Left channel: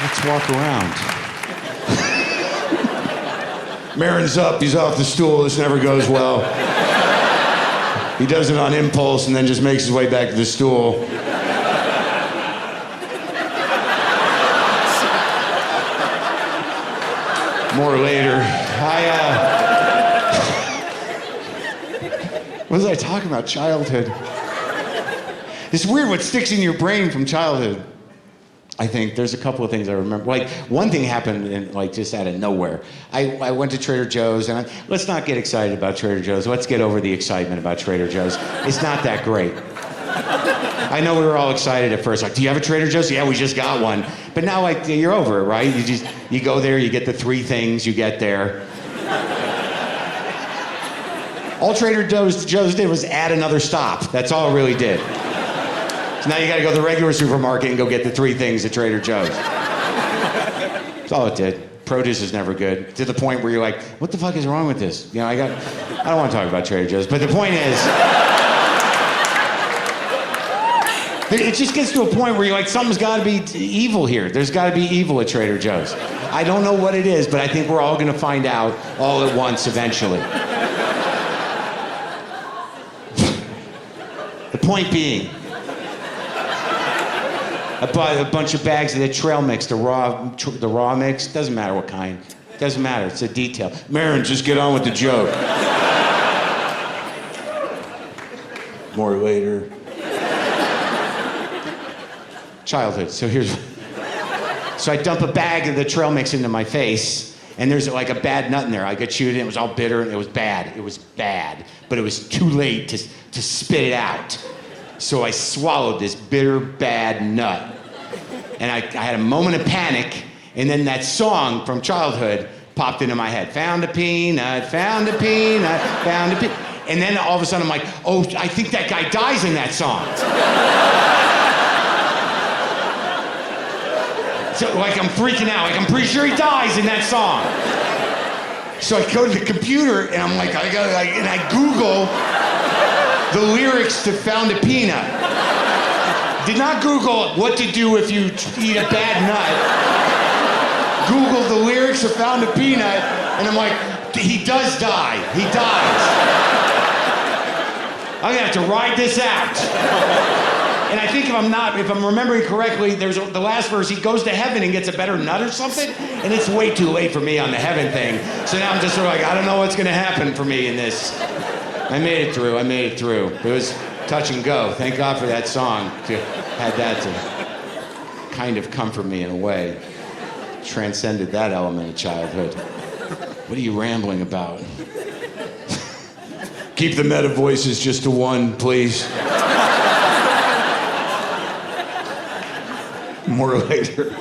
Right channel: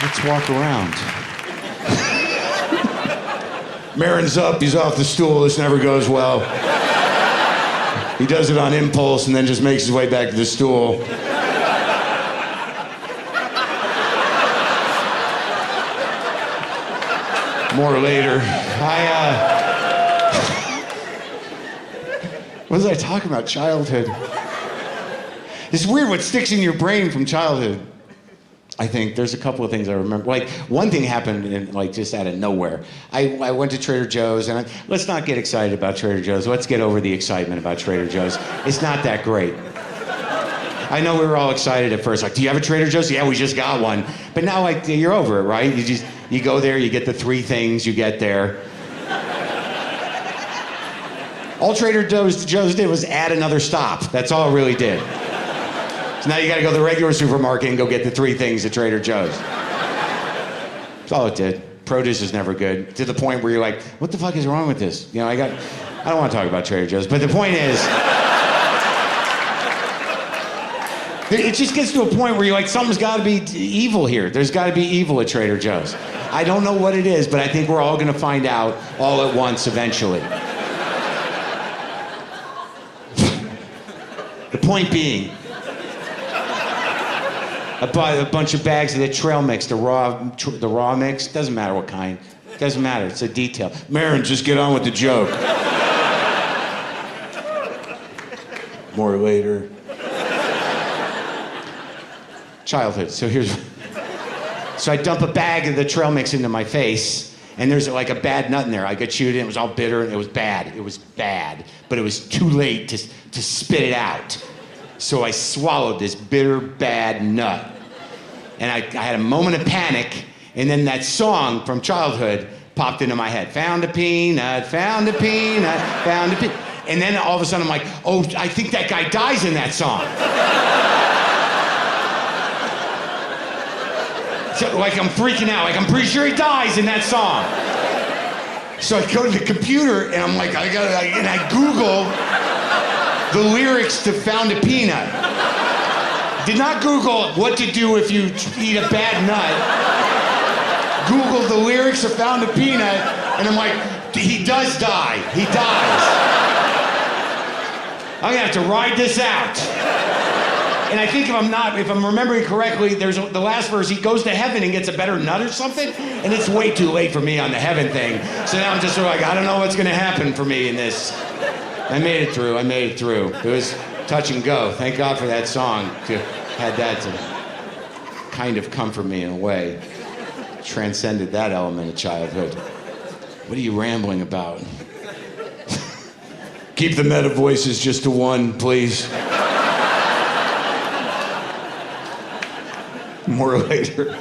Let's walk around. Maron's up, he's off the stool, this never goes well. He does it on impulse and then just makes his way back to the stool. More later. What was I talking about? Childhood. It's weird what sticks in your brain from childhood. I think there's a couple of things I remember. Like, one thing happened in, like, just out of nowhere. I went to Trader Joe's, and let's not get excited about Trader Joe's. Let's get over the excitement about Trader Joe's. It's not that great. I know we were all excited at first, like, do you have a Trader Joe's? Yeah, we just got one. But now, like, you're over it, right? You go there, you get the 3 things you get there. All Trader Joe's did was add another stop. That's all it really did. So now you gotta go to the regular supermarket and go get the 3 things at Trader Joe's. That's all it did. Produce is never good, to the point where you're like, what the fuck is wrong with this? You know, I don't want to talk about Trader Joe's, but the point is, it just gets to a point where you're like, something's gotta be evil here. There's gotta be evil at Trader Joe's. I don't know what it is, but I think we're all gonna find out all at once eventually. The point being, I bought a bunch of bags of the trail mix, the raw mix. Doesn't matter what kind. Doesn't matter. It's a detail. Maron, just get on with the joke. More later. Childhood. So I dump a bag of the trail mix into my face, and there's like a bad nut in there. I got chewed in. It was all bitter, and it was bad. It was bad, but it was too late to spit it out. So I swallowed this bitter, bad nut. And I had a moment of panic, and then that song from childhood popped into my head. Found a peanut, found a peanut, found a peanut. And then all of a sudden I'm like, oh, I think that guy dies in that song. So like I'm freaking out, like I'm pretty sure he dies in that song. So I go to the computer and I'm like, and I Google the lyrics to Found a Peanut. Did not Google what to do if you eat a bad nut. Googled the lyrics of Found a Peanut, and I'm like, he does die. He dies. I'm gonna have to ride this out. And I think if I'm remembering correctly, there's the last verse, he goes to heaven and gets a better nut or something, and it's way too late for me on the heaven thing. So now I'm just sort of like, I don't know what's gonna happen for me in this. I made it through. It was touch and go. Thank God for that song. Had that to kind of comfort me in a way. Transcended that element of childhood. What are you rambling about? Keep the meta voices just to 1, please. More later.